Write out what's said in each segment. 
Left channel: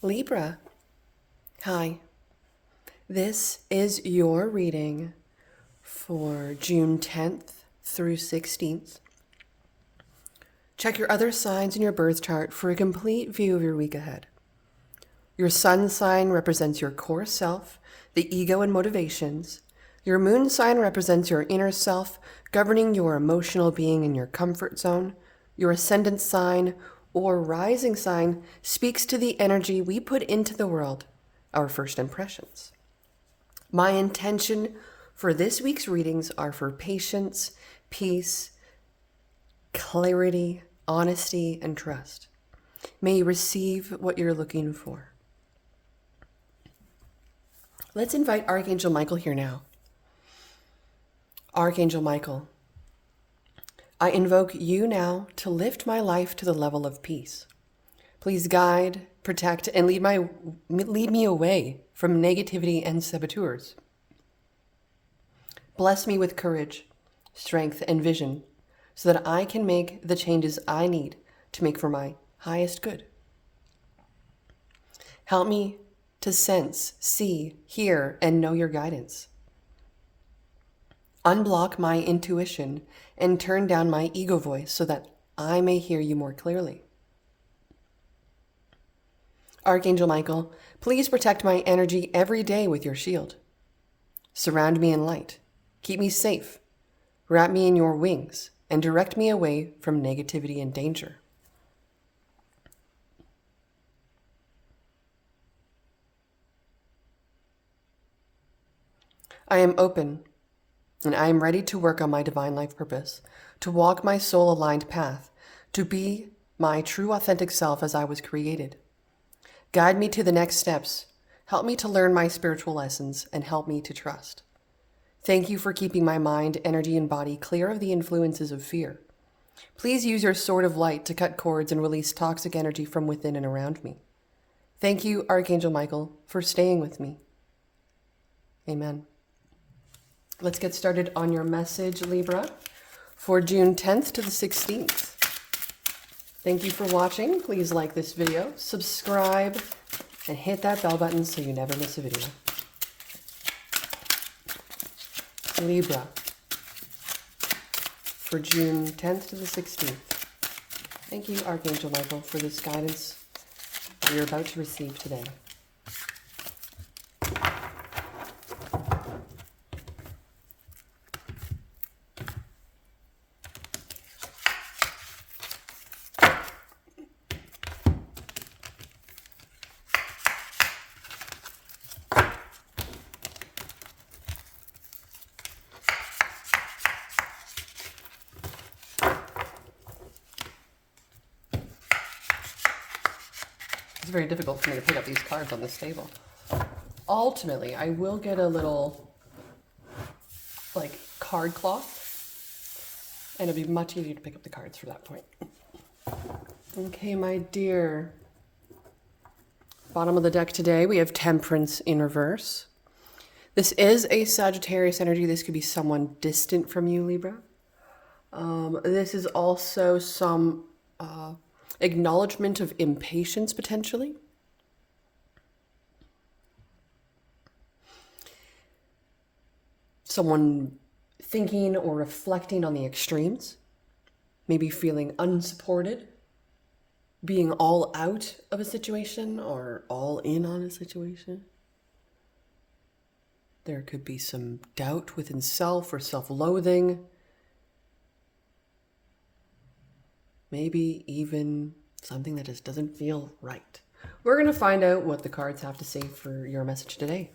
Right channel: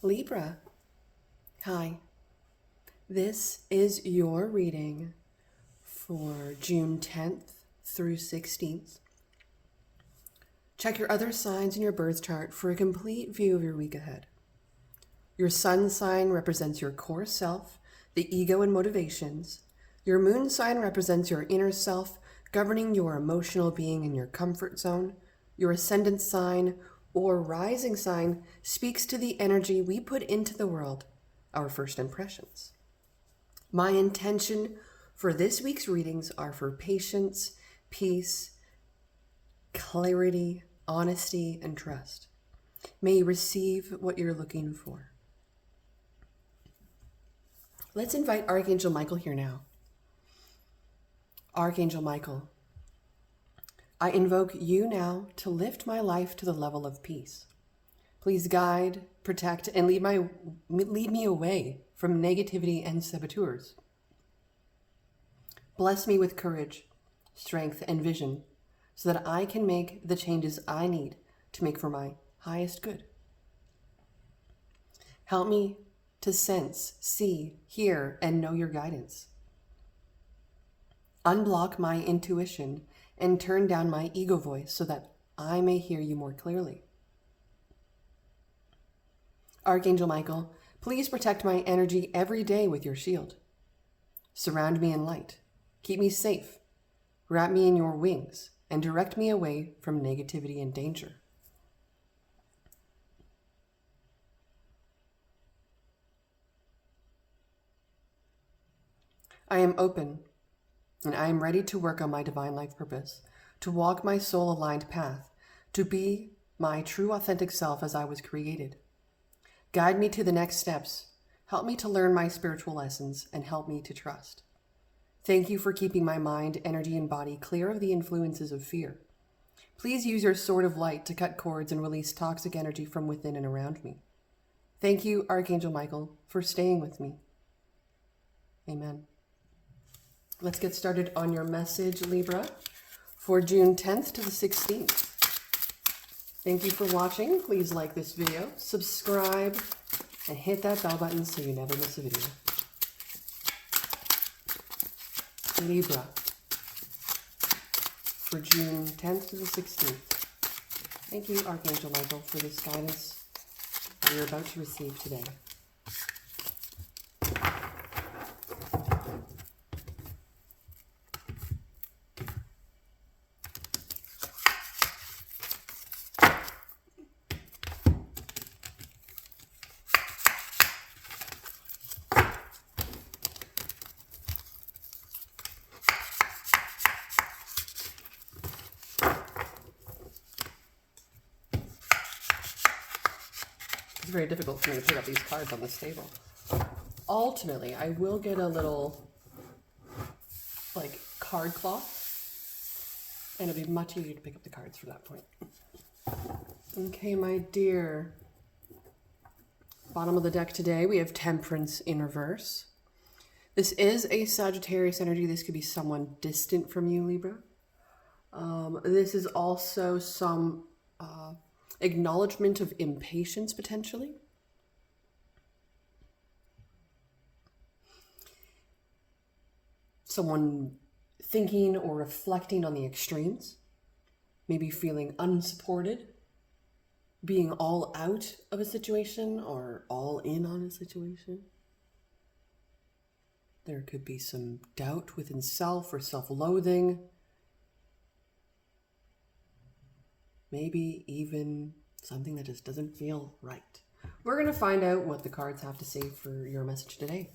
Libra, hi. This is your reading for June 10th through 16th. Check your other signs in your birth chart for a complete view of your week ahead. Your sun sign represents your core self, the ego and motivations. Your moon sign represents your inner self, governing your emotional being in your comfort zone. Your ascendant sign or rising sign speaks to the energy we put into the world, our first impressions. My intention for this week's readings are for patience, peace, clarity, honesty, and trust. May you receive what you're looking for. Let's invite Archangel Michael here now. Archangel Michael, I invoke you now to lift my life to the level of peace. Please guide, protect, and lead me away from negativity and saboteurs. Bless me with courage, strength, and vision so that I can make the changes I need to make for my highest good. Help me to sense, see, hear, and know your guidance. Unblock my intuition and turn down my ego voice so that I may hear you more clearly. Archangel Michael, please protect my energy every day with your shield. Surround me in light. Keep me safe. Wrap me in your wings and direct me away from negativity and danger. I am open, and I am ready to work on my divine life purpose, to walk my soul-aligned path, to be my true authentic self as I was created. Guide me to the next steps. Help me to learn my spiritual lessons and help me to trust. Thank you for keeping my mind, energy, and body clear of the influences of fear. Please use your sword of light to cut cords and release toxic energy from within and around me. Thank you, Archangel Michael, for staying with me. Amen. Let's get started on your message, Libra, for June 10th to the 16th. Thank you for watching. Please like this video, subscribe, and hit that bell button so you never miss a video. Libra, for June 10th to the 16th. Thank you, Archangel Michael, for this guidance that you're about to receive today. It's very difficult for me to pick up these cards on this table. Ultimately, I will get a little, card cloth, and it'll be much easier to pick up the cards for that point. Okay, my dear. Bottom of the deck today, we have Temperance in reverse. This is a Sagittarius energy. This could be someone distant from you, Libra. This is also some acknowledgement of impatience, potentially. Someone thinking or reflecting on the extremes, maybe feeling unsupported, being all out of a situation or all in on a situation. There could be some doubt within self or self-loathing. Maybe even something that just doesn't feel right. We're going to find out what the cards have to say for your message today.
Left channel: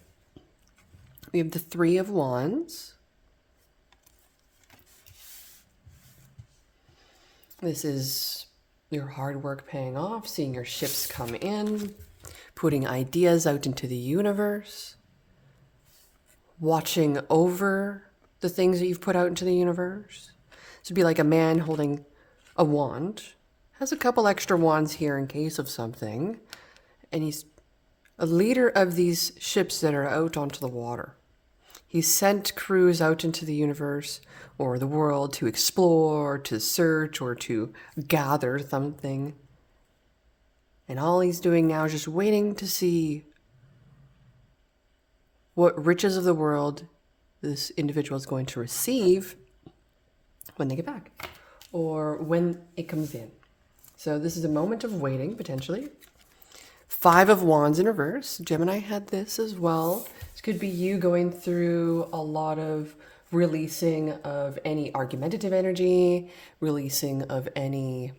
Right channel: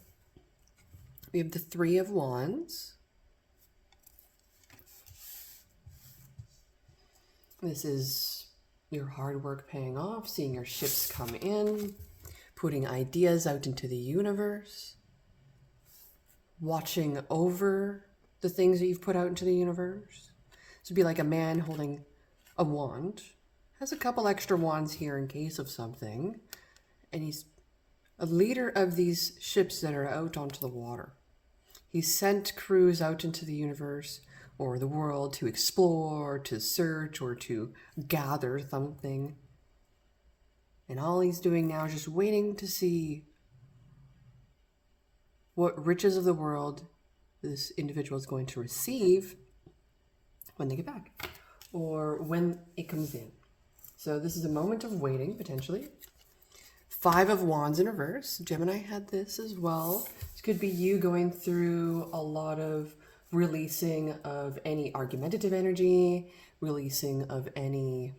We have the Three of Wands. This is your hard work paying off, seeing your ships come in, putting ideas out into the universe, watching over the things that you've put out into the universe. This would be like a man holding a wand, has a couple extra wands here in case of something, and he's a leader of these ships that are out onto the water. He sent crews out into the universe or the world to explore, to search, or to gather something. And all he's doing now is just waiting to see what riches of the world this individual is going to receive when they get back or when it comes in. So this is a moment of waiting, potentially. 5 of Wands in reverse. Gemini had this as well. This could be you going through a lot of releasing of any argumentative energy, releasing of any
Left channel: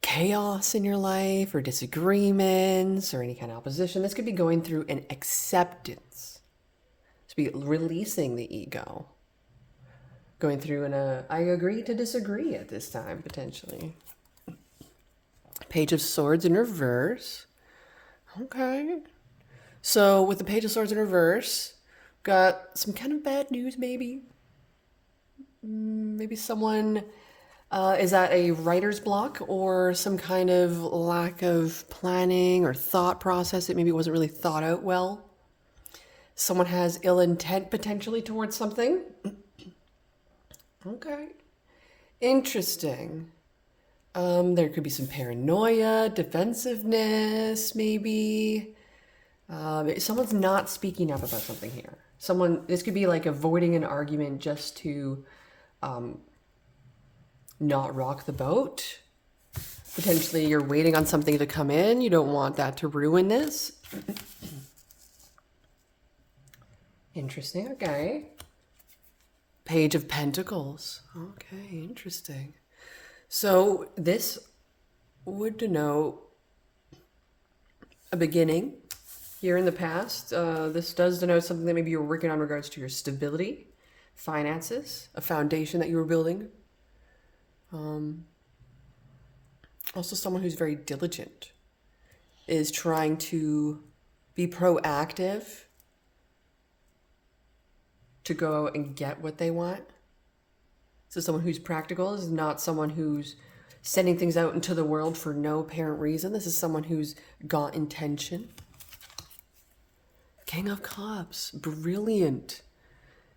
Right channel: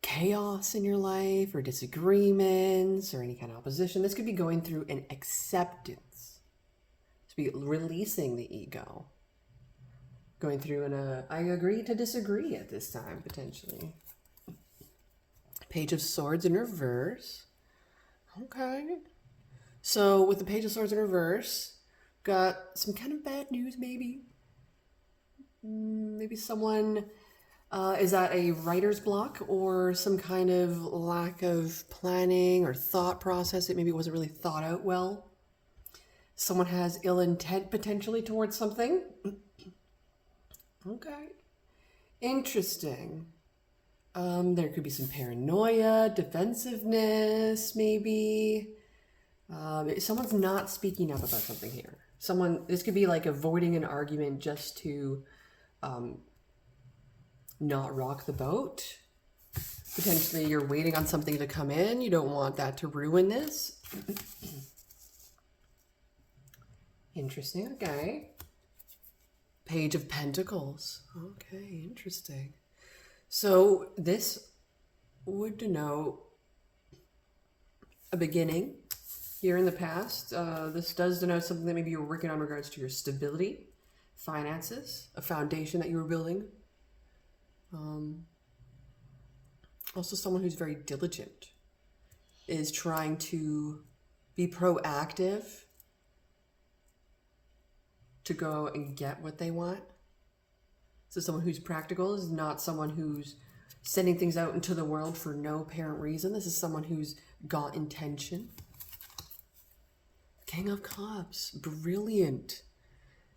chaos in your life or disagreements or any kind of opposition. This could be going through an acceptance. This could be releasing the ego. Going through I agree to disagree at this time, potentially. Page of Swords in reverse. Okay. So with the Page of Swords in reverse, got some kind of bad news maybe. Maybe someone is at a writer's block or some kind of lack of planning or thought process. It maybe wasn't really thought out well. Someone has ill intent potentially towards something. Okay. Interesting. There could be some paranoia, defensiveness, maybe. Someone's not speaking up about something here. This could be like avoiding an argument just to not rock the boat. Potentially you're waiting on something to come in. You don't want that to ruin this. Interesting, okay. Page of Pentacles. Okay, interesting. So this would denote a beginning here in the past. This does denote something that maybe you're working on in regards to your stability, finances, a foundation that you were building. Also someone who's very diligent, is trying to be proactive to go and get what they want. So someone who's practical is not someone who's sending things out into the world for no apparent reason. This is someone who's got intention. King of Cups, brilliant.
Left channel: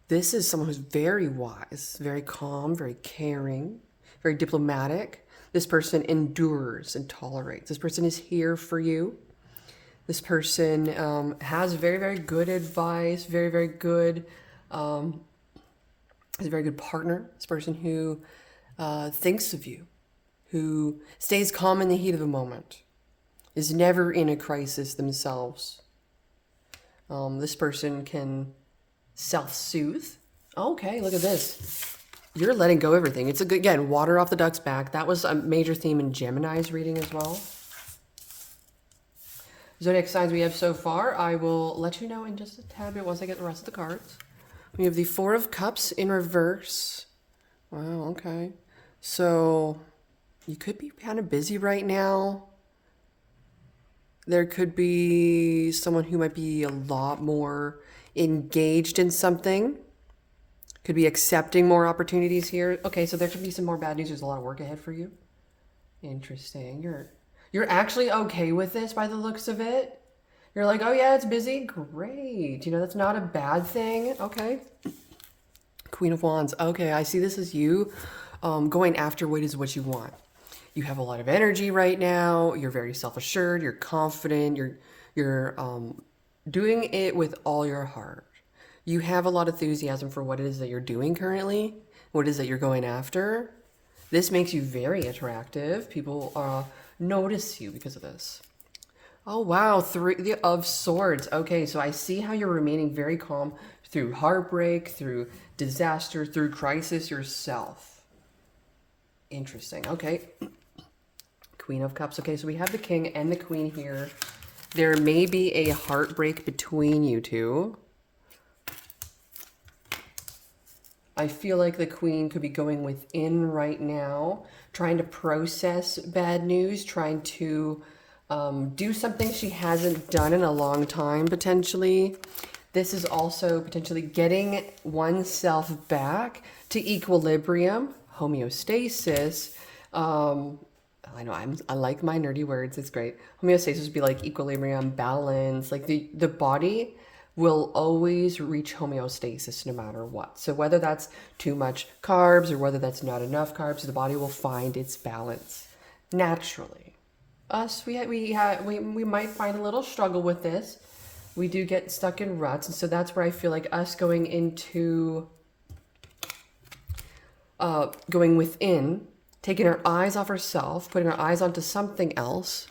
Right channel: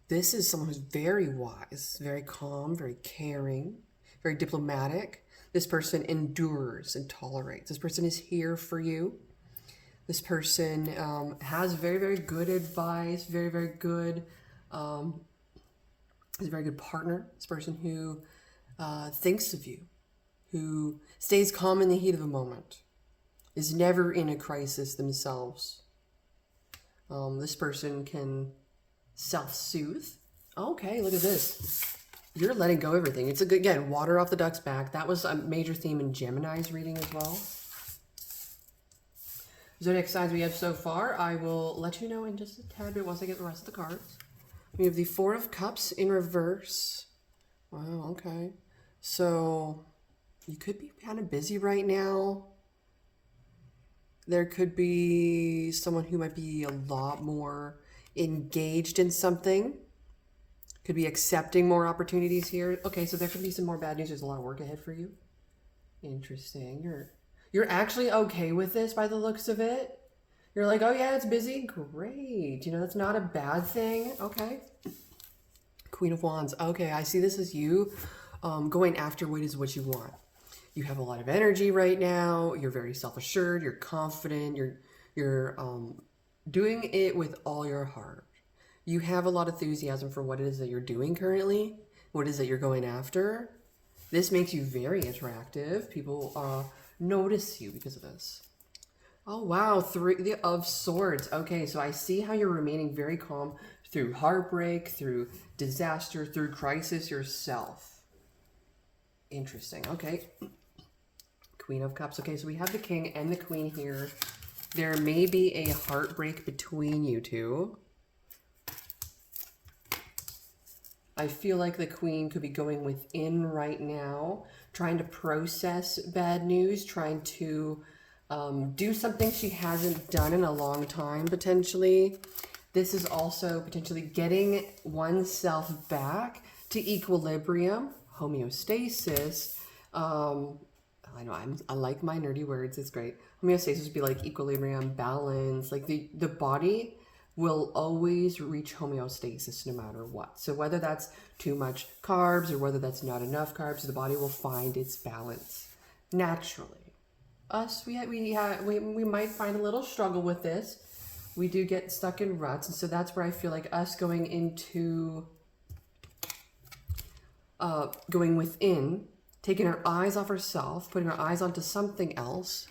This is someone who's very wise, very calm, very caring, very diplomatic. This person endures and tolerates. This person is here for you. This person has very, very good advice, very, very good, is a very good partner. This person who thinks of you, who stays calm in the heat of the moment, is never in a crisis themselves. This person can self-soothe. Okay, look at this. You're letting go of everything. It's again, water off the duck's back. That was a major theme in Gemini's reading as well. Zodiac signs we have so far, I will let you know in just a tad bit once I get the rest of the cards. We have the 4 of Cups in reverse. Wow, okay. So you could be kind of busy right now. There could be someone who might be a lot more engaged in something. Could be accepting more opportunities here. Okay, so there could be some more bad news. There's a lot of work ahead for you. Interesting. You're actually okay with this by the looks of it. You're like, oh yeah, it's busy. Great. You know, that's not a bad thing. Okay. Queen of Wands. Okay, I see this as you going after what is what you want. You have a lot of energy right now. You're very self-assured. You're confident. You're doing it with all your heart. You have a lot of enthusiasm for what it is that you're doing currently, what it is that you're going after. This makes you very attractive. People notice you because of this. Oh, wow. 3 of Swords. Okay, so I see how you're remaining very calm through heartbreak, through disaster, through crisis yourself. Interesting. Okay. Queen of Cups. Okay, so we have the King and the Queen here. There may be a heartbreak between you two. I feel like the Queen could be going within right now, trying to process bad news, trying to do something she hasn't done in a long time, potentially. This is also potentially getting oneself back to equilibrium, homeostasis. I know I like my nerdy words. It's great. Homeostasis would be like equilibrium, balance. Like the body will always reach homeostasis no matter what. So whether that's too much carbs or whether that's not enough carbs, the body will find its balance. naturally. Us, we might find a little struggle with this. We do get stuck in ruts, and so that's where I feel like us going into going within, taking our eyes off ourselves, putting our eyes onto something else,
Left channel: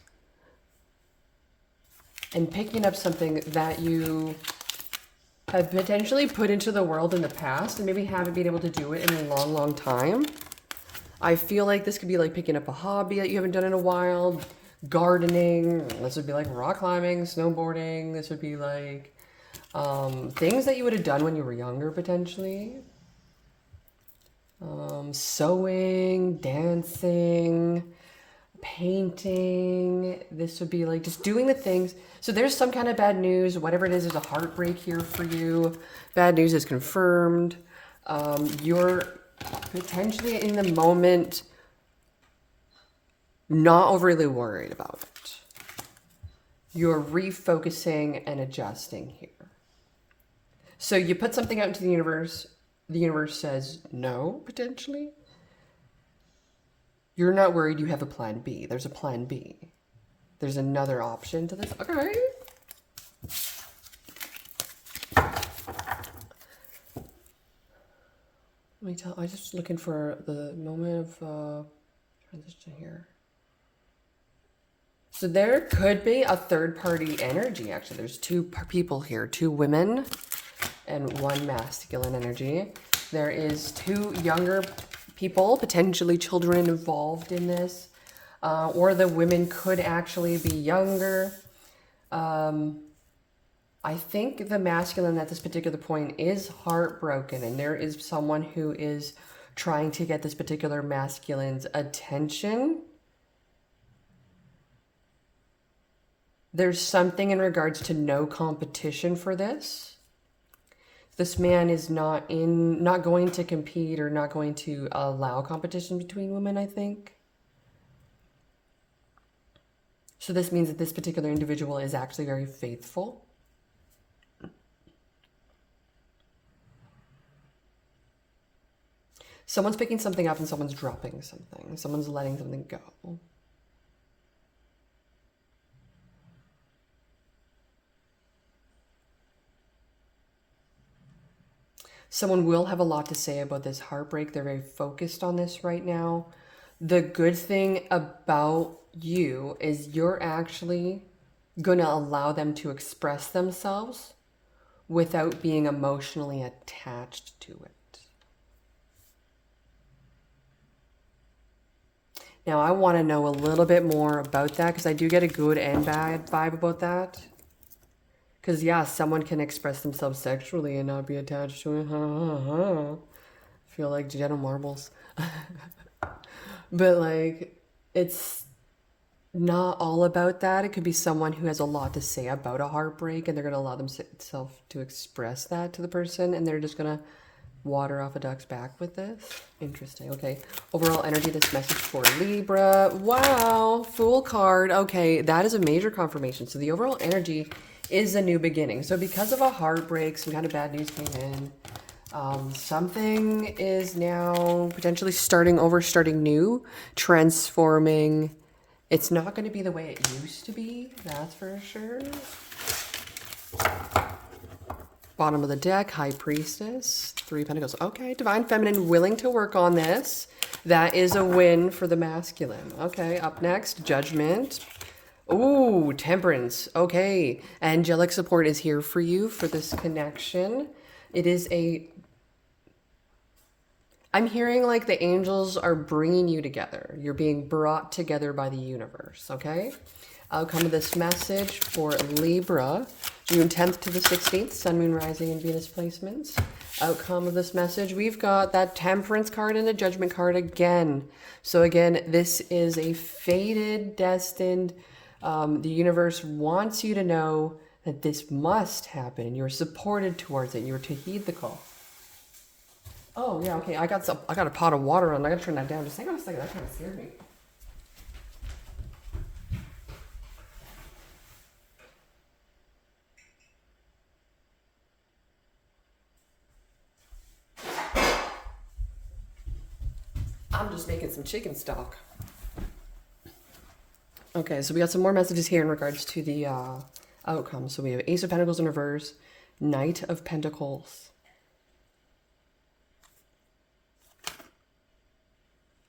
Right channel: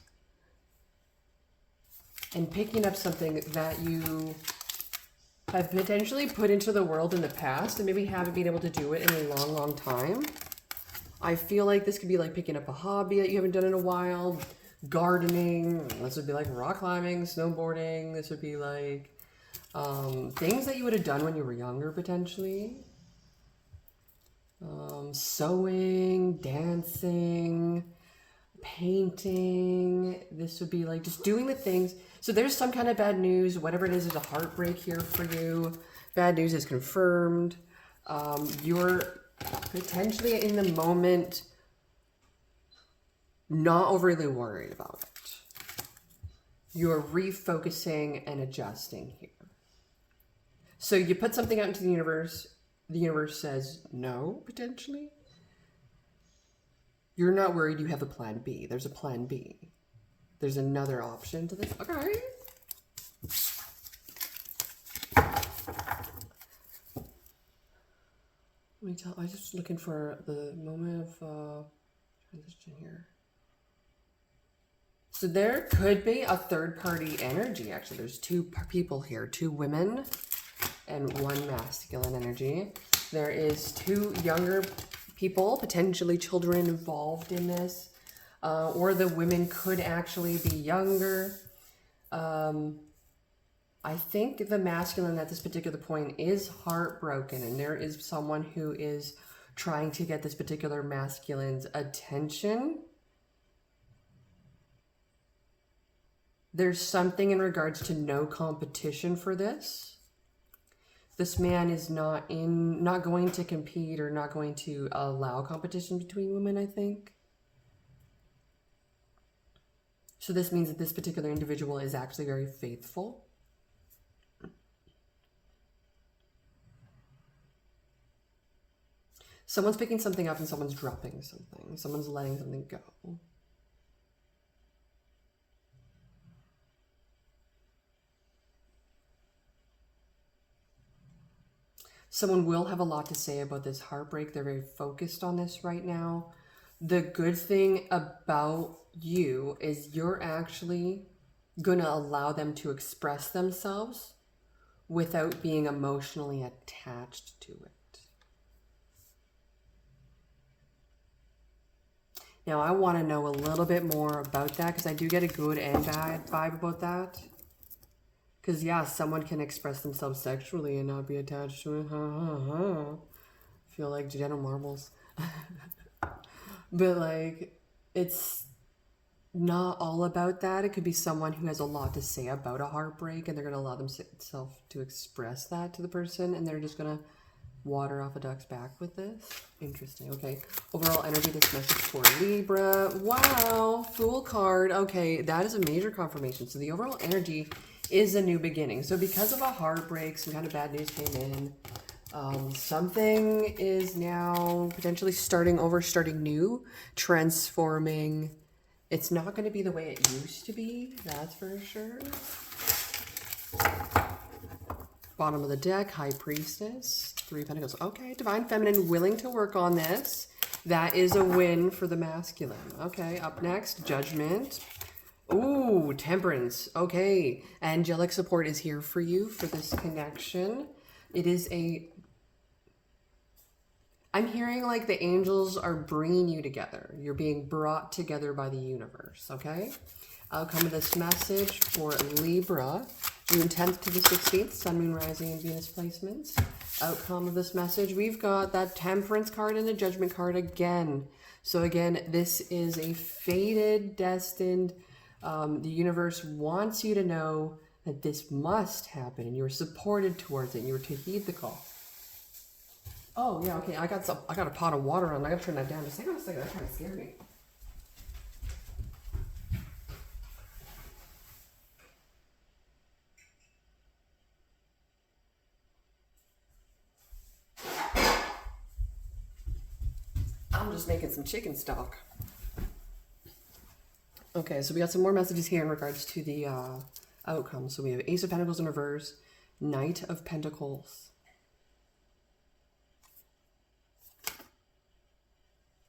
and picking up something that you have potentially put into the world in the past and maybe haven't been able to do it in a long, long time. I feel like this could be like picking up a hobby that you haven't done in a while, gardening. This would be like rock climbing, snowboarding. This would be like things that you would have done when you were younger, potentially. Sewing, dancing, painting. This would be like just doing the things. So there's some kind of bad news, whatever it is, there's a heartbreak here for you. Bad news is confirmed. You're potentially in the moment not overly worried about it. You're refocusing and adjusting here. So you put something out into the universe says no, potentially. You're not worried, you have a plan B. There's a plan B. There's another option to this. Okay. I'm just looking for the moment of transition here. So there could be a third party energy, actually. There's two people here, two women and one masculine energy. There is two younger people, potentially children involved in this, or the women could actually be younger. I think the masculine at this particular point is heartbroken, and there is someone who is trying to get this particular masculine's attention. There's something in regards to no competition for this. This man is not going to compete or not going to allow competition between women, I think. So this means that this particular individual is actually very faithful. Someone's picking something up and someone's dropping something. Someone's letting something go. Someone will have a lot to say about this heartbreak. They're very focused on this right now. The good thing about you is you're actually going to allow them to express themselves without being emotionally attached to it. Now, I want to know a little bit more about that because I do get a good and bad vibe about that. Because, yeah, someone can express themselves sexually and not be attached to it. I feel like Jenna Marbles. But, like, it's not all about that. It could be someone who has a lot to say about a heartbreak and they're going to allow themselves to express that to the person and they're just going to water off a duck's back with this. Interesting. Okay. Overall energy, this message for Libra. Wow. Fool card. Okay. That is a major confirmation. So the overall energy is a new beginning. So because of a heartbreak, some kind of bad news came in. Something is now potentially starting over, starting new, transforming. It's not going to be the way it used to be. That's for sure. Bottom of the deck, High Priestess, Three of Pentacles. Okay, Divine Feminine willing to work on this. That is a win for the masculine. Okay, up next, Judgment. Ooh, Temperance. Okay, angelic support is here for you for this connection. It is a... I'm hearing like the angels are bringing you together. You're being brought together by the universe, okay? Outcome of this message for Libra, June 10th to the 16th, Sun, Moon, Rising, and Venus placements. Outcome of this message, we've got that Temperance card and the Judgment card again. So again, this is a fated, destined, the universe wants you to know that this must happen and you're supported towards it. You're to heed the call. Oh yeah, okay, I got a pot of water on. I gotta turn that down. Just hang on a second, that kind of scared me. I'm just making some chicken stock. Okay, so we got some more messages here in regards to the outcome. So we have Ace of Pentacles in reverse, Knight of Pentacles.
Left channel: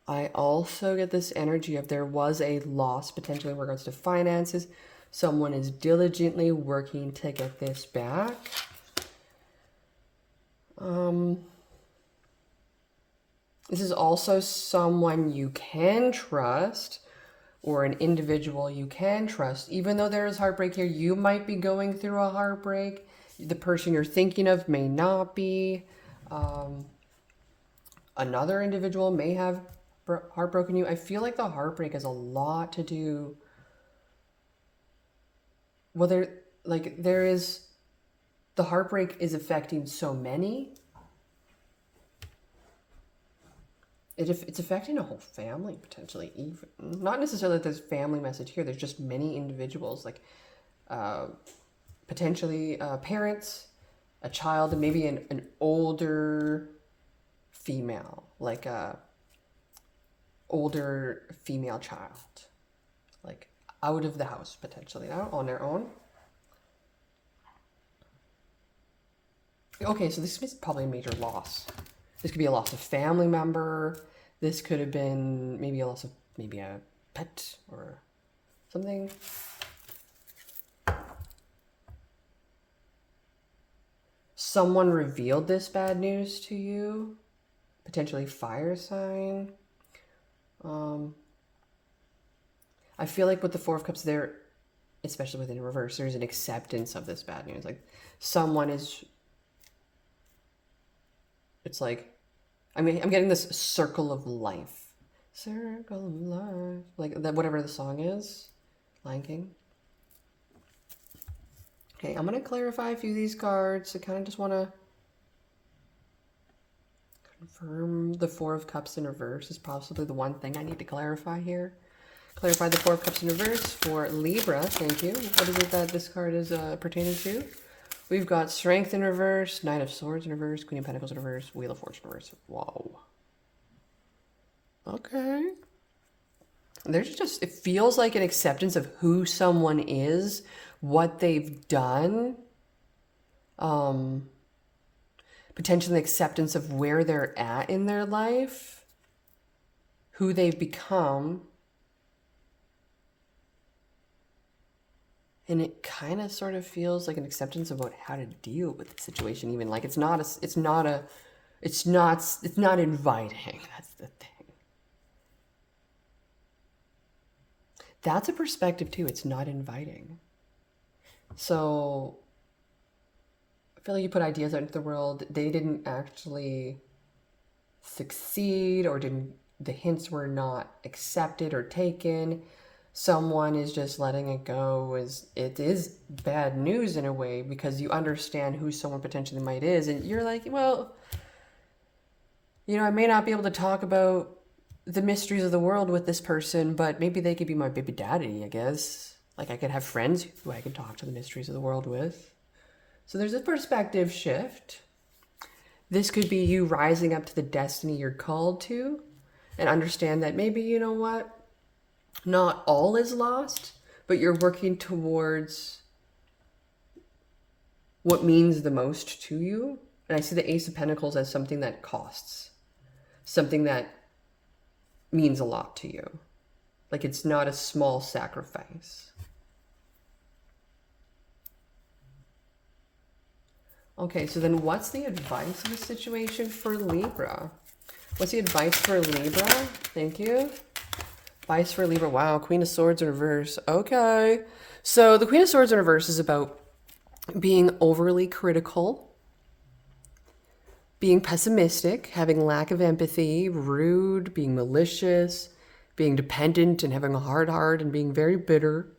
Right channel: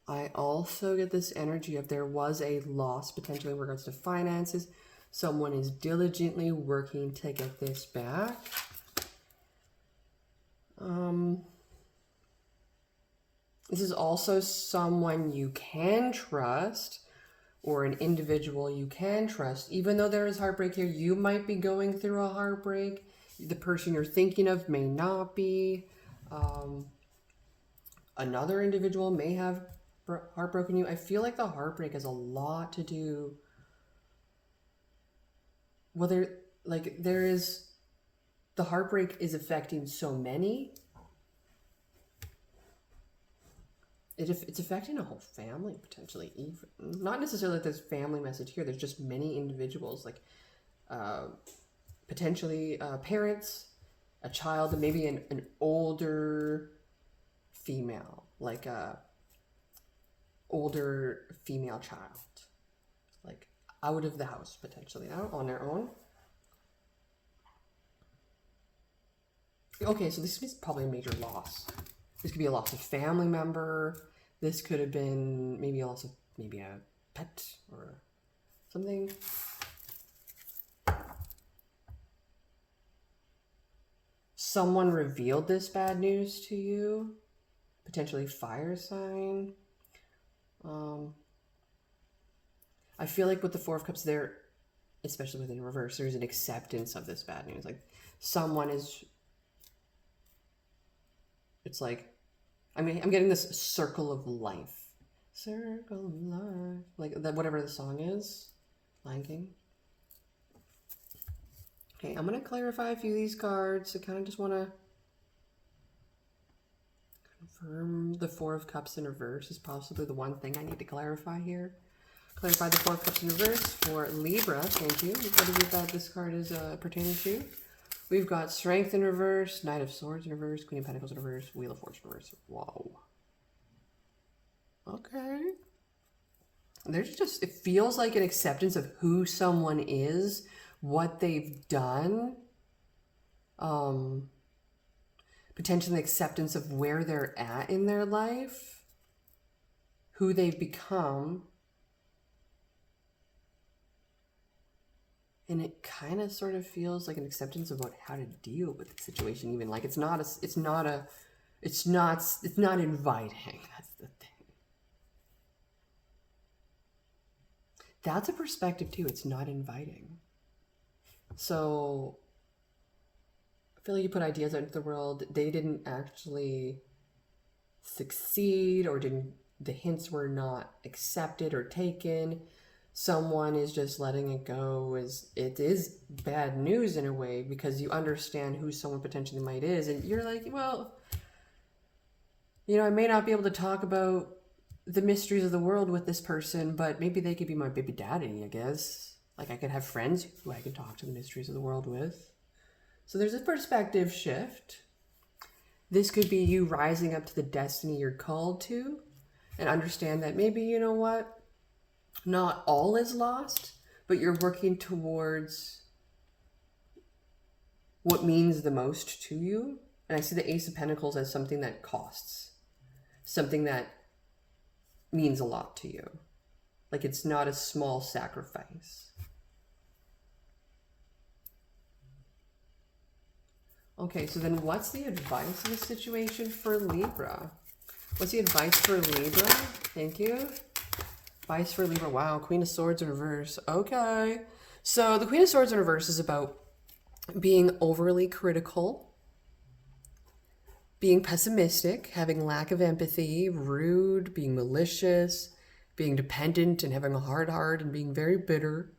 I also get this energy of there was a loss potentially in regards to finances. Someone is diligently working to get this back. This is also someone you can trust, or an individual you can trust. Even though there is heartbreak here, you might be going through a heartbreak. The person you're thinking of may not be. Another individual may have heartbroken you. I feel like the heartbreak has a lot to do. Well, there is, the heartbreak is affecting so many. It's affecting a whole family potentially. Even not necessarily that there's family message here. There's just many individuals, like potentially parents, a child, and maybe an older female, like a older female child, like out of the house potentially, not on their own. Okay, so this is probably a major loss. This could be a loss of family member. This could have been maybe a loss of maybe a pet or something. Someone revealed this bad news to you. Potentially fire sign. I feel like with the Four of Cups there, especially within reverse, there's an acceptance of this bad news. Like someone is, it's like, I mean, I'm getting this circle of life. Circle of life. Like that, whatever the song is. Lion King. Okay, I'm going to clarify a few of these cards. I kind of just want to confirm the Four of Cups in reverse is possibly the one thing I need to clarify here. Clarify the Four of Cups in reverse for Libra. Thank you. What is it that this card is pertaining to? We've got Strength in reverse, Knight of Swords in reverse, Queen of Pentacles in reverse, Wheel of Fortune in reverse. Whoa. Okay. There's just, it feels like an acceptance of who someone is, what they've done, potentially acceptance of where they're at in their life, who they've become. And it kind of sort of feels like an acceptance about how to deal with the situation. Even like it's not inviting. That's the thing. That's a perspective too. It's not inviting. So I feel like you put ideas out into the world. They didn't actually succeed, or the hints were not accepted or taken. Someone is just letting it go. It is bad news in a way, because you understand who someone potentially might is, and you're like, well, you know, I may not be able to talk about the mysteries of the world with this person, but maybe they could be my baby daddy, I guess. Like I could have friends who I can talk to the mysteries of the world with. So there's a perspective shift. This could be you rising up to the destiny you're called to, and understand that maybe, you know what, not all is lost, but you're working towards what means the most to you. And I see the Ace of Pentacles as something that costs, something that means a lot to you. Like it's not a small sacrifice. Okay, so then what's the advice in this situation for Libra? What's the advice for Libra? Thank you. Advice for Libra. Wow, Queen of Swords in reverse. Okay. So the Queen of Swords in reverse is about being overly critical, being pessimistic, having lack of empathy, rude, being malicious, being dependent and having a hard heart, and being very bitter.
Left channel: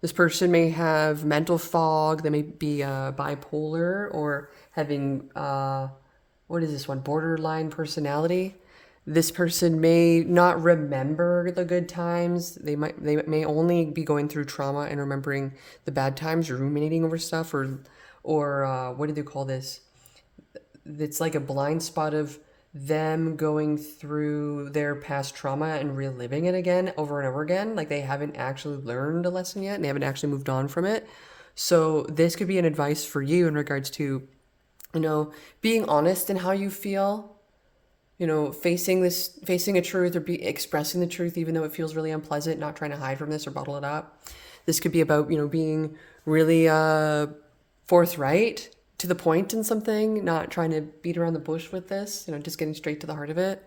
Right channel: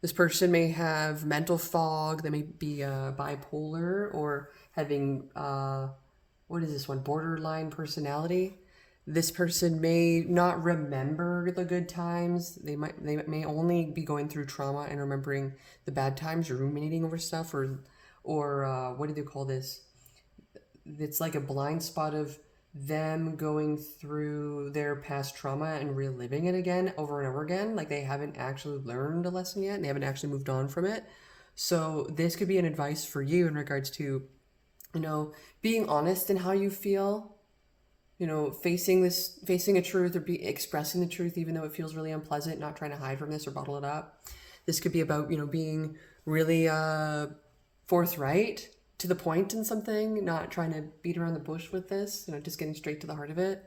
This person may have mental fog. They may be bipolar, or having, what is this one? Borderline personality. This person may not remember the good times. They may only be going through trauma and remembering the bad times, or ruminating over stuff, or what do they call this? It's like a blind spot of them going through their past trauma and reliving it again over and over again. Like they haven't actually learned a lesson yet and they haven't actually moved on from it. So this could be an advice for you in regards to, being honest in how you feel, facing a truth or be expressing the truth, even though it feels really unpleasant, not trying to hide from this or bottle it up. This could be about, being really forthright to the point in something, not trying to beat around the bush with this, just getting straight to the heart of it.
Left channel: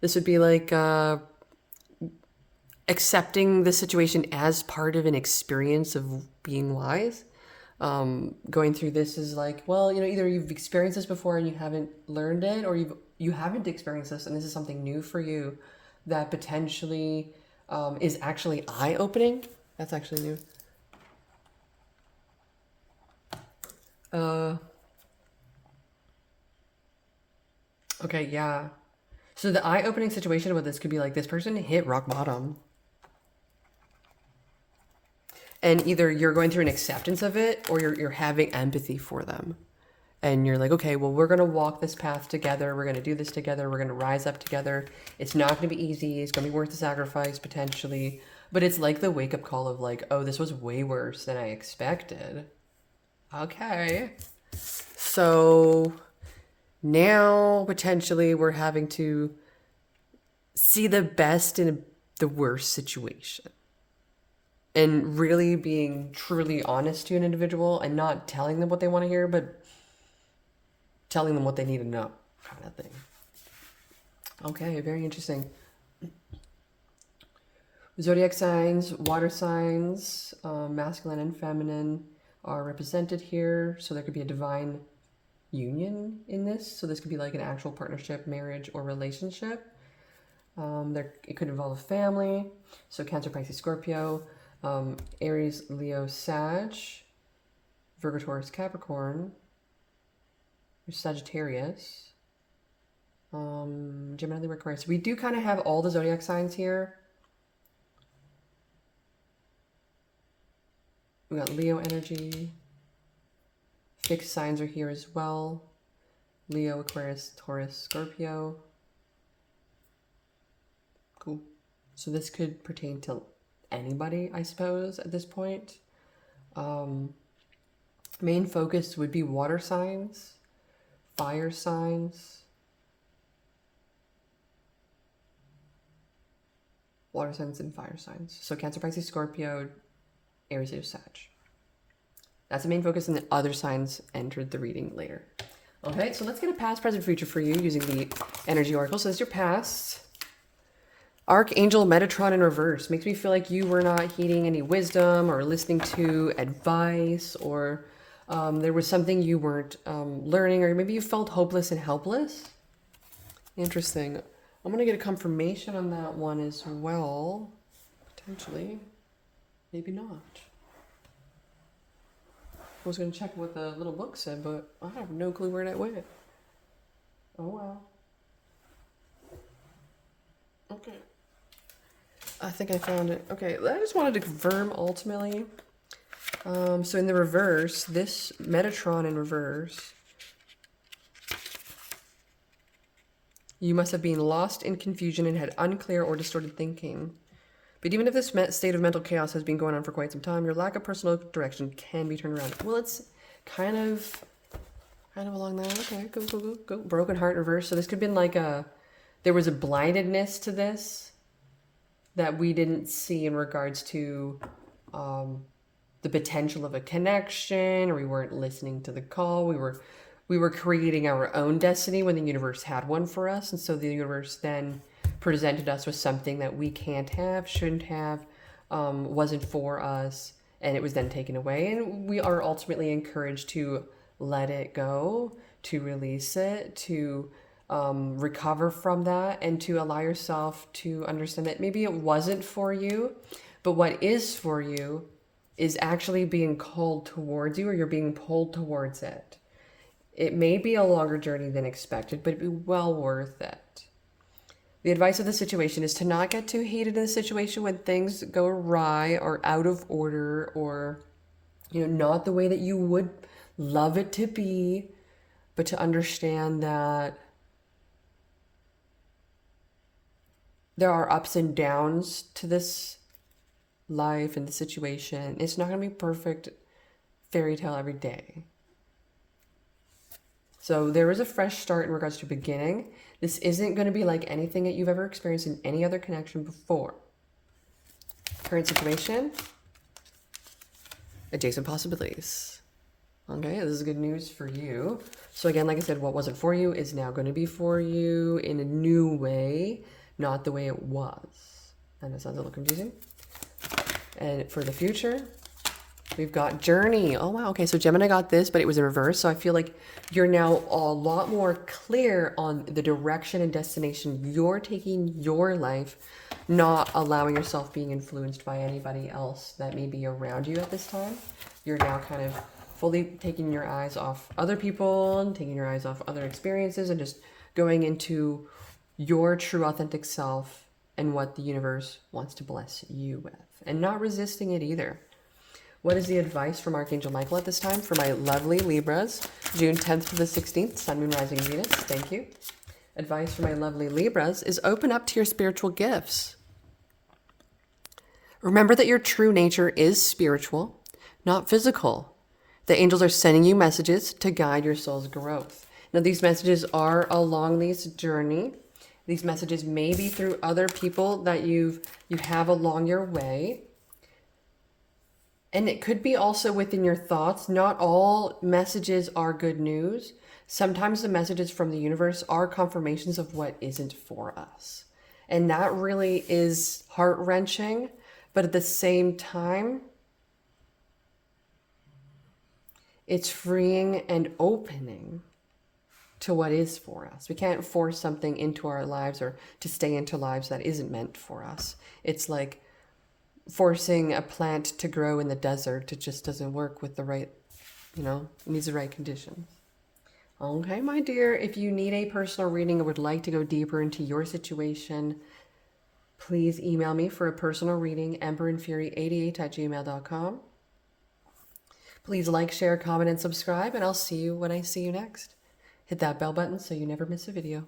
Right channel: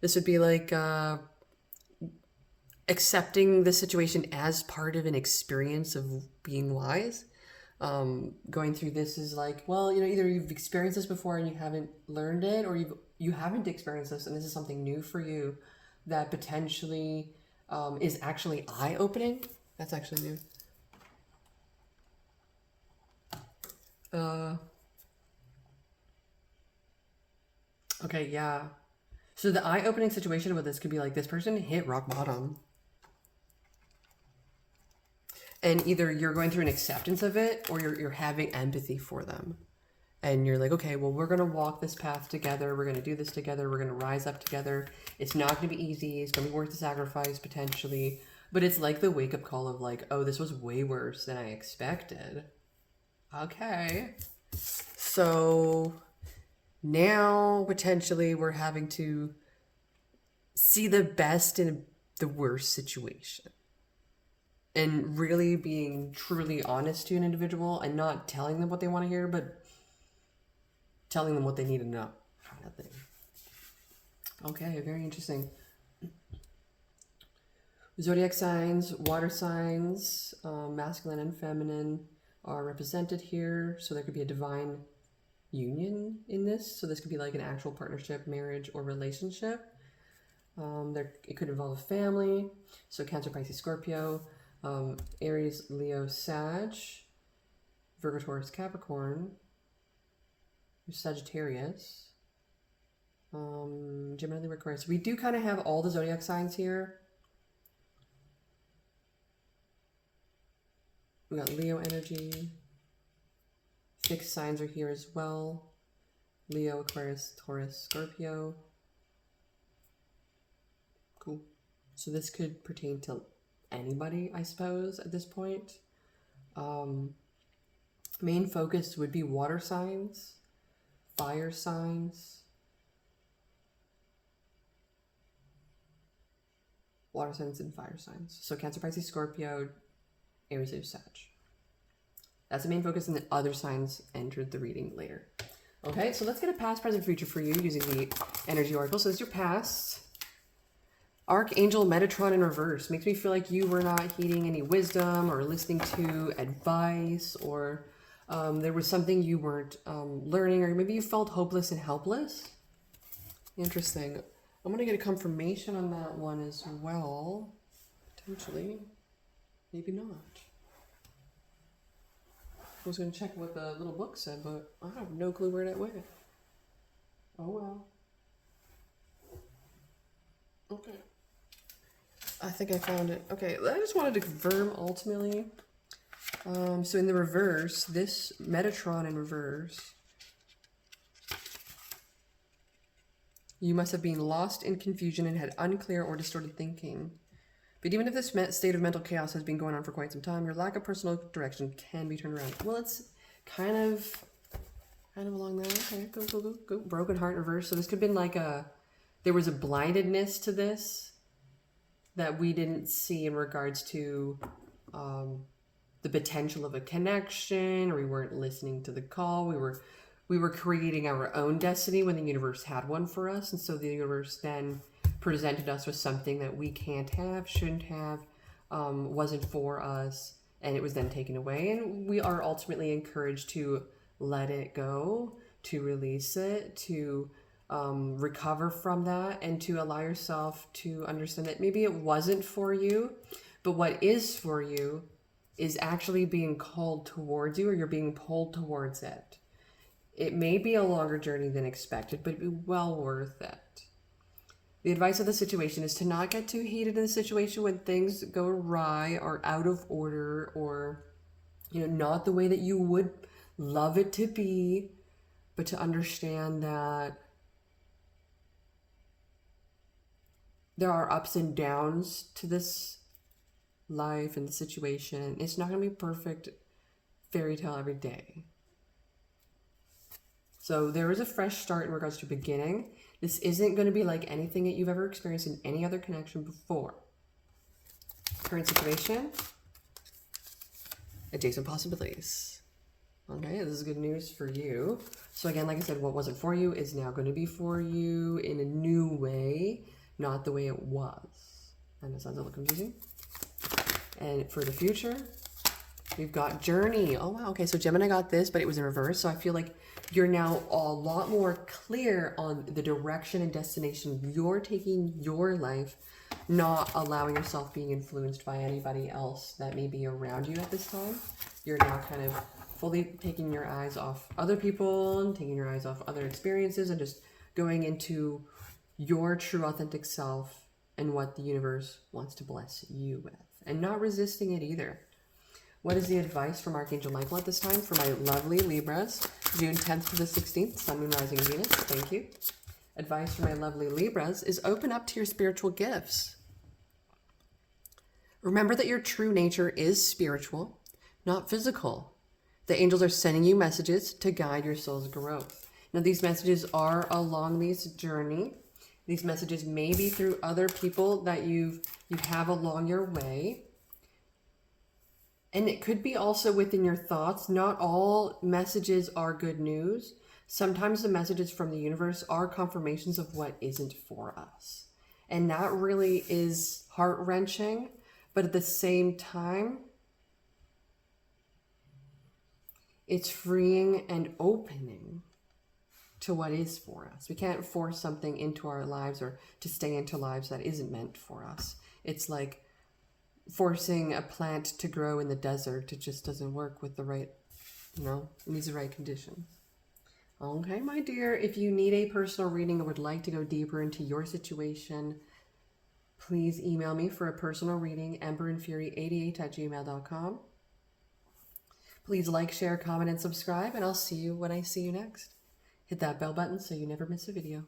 This would be like accepting the situation as part of an experience of being wise. Going through this is like, well, either you've experienced this before and you haven't learned it, or you haven't experienced this and this is something new for you that potentially is actually eye-opening. That's actually new. Okay, yeah. So the eye-opening situation with this could be like this person hit rock bottom. And either you're going through an acceptance of it or you're having empathy for them. And you're like, okay, well, we're going to walk this path together. We're going to do this together. We're going to rise up together. It's not going to be easy. It's going to be worth the sacrifice potentially. But it's like the wake-up call of like, oh, this was way worse than I expected. Okay. So now potentially we're having to see the best in the worst situation. And really being truly honest to an individual and not telling them what they want to hear, but telling them what they need to know, kind of thing. Okay, very interesting. Zodiac signs, water signs, masculine and feminine are represented here. So there could be a divine union in this. So this could be like an actual partnership, marriage, or relationship. It could involve family. So Cancer, Pisces, Scorpio, Aries, Leo, Sag, Virgo, Taurus, Capricorn, Sagittarius, Gemini, Libra, Aquarius. We do kind of have all the zodiac signs here. We got Leo energy. Fixed signs are here as well. Leo, Aquarius, Taurus, Scorpio. Cool. So this could pertain to anybody, I suppose, at this point. Main focus would be water signs, fire signs, water signs and fire signs. So Cancer, Pisces, Scorpio, Aries, Leo, Sag. That's the main focus, and the other signs entered the reading later. Okay, so let's get a past, present, future for you using the energy oracle. So this is your past. Archangel Metatron in reverse makes me feel like you were not heeding any wisdom or listening to advice, or there was something you weren't learning, or maybe you felt hopeless and helpless. Interesting. I'm going to get a confirmation on that one as well. Potentially. Maybe not. I was going to check what the little book said, but I have no clue where that went. Oh well. Okay. I think I found it. Okay, I just wanted to confirm ultimately. So in the reverse, this Metatron in reverse, you must have been lost in confusion and had unclear or distorted thinking. But even if this state of mental chaos has been going on for quite some time, your lack of personal direction can be turned around. Well, it's kind of along that. Okay, go. Broken heart reverse. So this could have been like there was a blindedness to this that we didn't see in regards to the potential of a connection, or we weren't listening to the call. We were creating our own destiny when the universe had one for us, and so the universe then presented us with something that we can't have, shouldn't have, wasn't for us, and it was then taken away. And we are ultimately encouraged to let it go, to release it, to recover from that, and to allow yourself to understand that maybe it wasn't for you, but what is for you is actually being called towards you, or you're being pulled towards it. It may be a longer journey than expected, but it'd be well worth it. The advice of the situation is to not get too heated in the situation when things go awry or out of order, or not the way that you would love it to be, but to understand that there are ups and downs to this life and the situation. It's not going to be perfect fairy tale every day. So there is a fresh start in regards to beginning. This isn't going to be like anything that you've ever experienced in any other connection before. Current situation, adjacent possibilities. Okay, this is good news for you. So again, like I said, what wasn't for you is now going to be for you in a new way, not the way it was. And it sounds a little confusing. And for the future, we've got journey. Oh, wow. Okay, so Gemini got this, but it was in reverse. So I feel like you're now a lot more clear on the direction and destination you're taking your life, not allowing yourself being influenced by anybody else that may be around you at this time. You're now kind of fully taking your eyes off other people and taking your eyes off other experiences and just going into your true authentic self and what the universe wants to bless you with, and not resisting it either. What is the advice from Archangel Michael at this time for my lovely Libras, June 10th to the 16th, Sun, Moon, Rising, Venus? Thank you. Advice for my lovely Libras is open up to your spiritual gifts. Remember that your true nature is spiritual, not physical. The angels are sending you messages to guide your soul's growth. Now, these messages are along this journey. These messages may be through other people that you have along your way. And it could be also within your thoughts. Not all messages are good news. Sometimes the messages from the universe are confirmations of what isn't for us. And that really is heart-wrenching. But at the same time, it's freeing and opening to what is for us. We can't force something into our lives or to stay into lives that isn't meant for us. It's like forcing a plant to grow in the desert. It just doesn't work with the right, it needs the right conditions. Okay, my dear, if you need a personal reading or would like to go deeper into your situation, please email me for a personal reading, emberandfury88@gmail.com. Please like, share, comment, and subscribe, and I'll see you when I see you next. Hit that bell button so you never miss a video.